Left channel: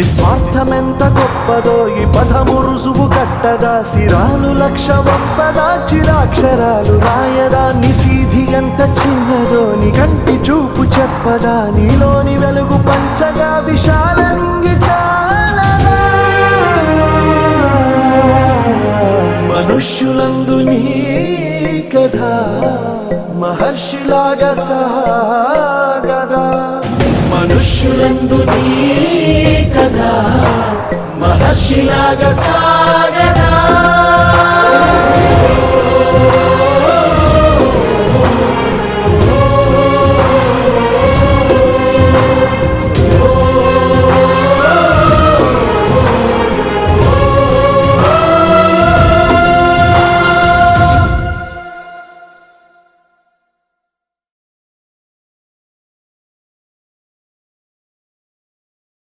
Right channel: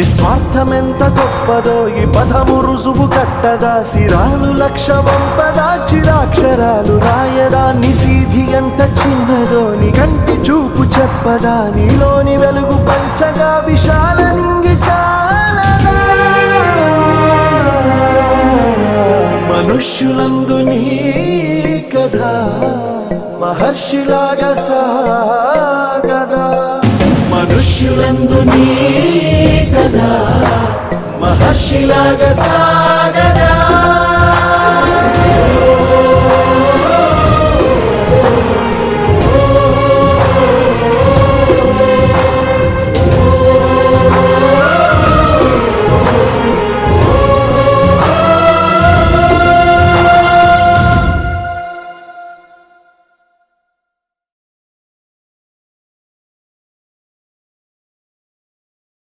నిస్వార్థమెంత గొప్పదో ఈ పదము రుజువు కట్టదా, సిరాలు లక్ష వంపదా, చిరాక్షరాలు రాయదా, నిసీధి ఎంత చిన్నదో నీ కంటి చూపు చెప్పదా, నీలోని వెలుగు పంచగా విశాల నింగి చాలదా. మనుష్యులందు నీ కథ మహర్షిలాగా సాగదా, మనుష్యులందు నీ కథ మహర్షిలాగా సాగదా.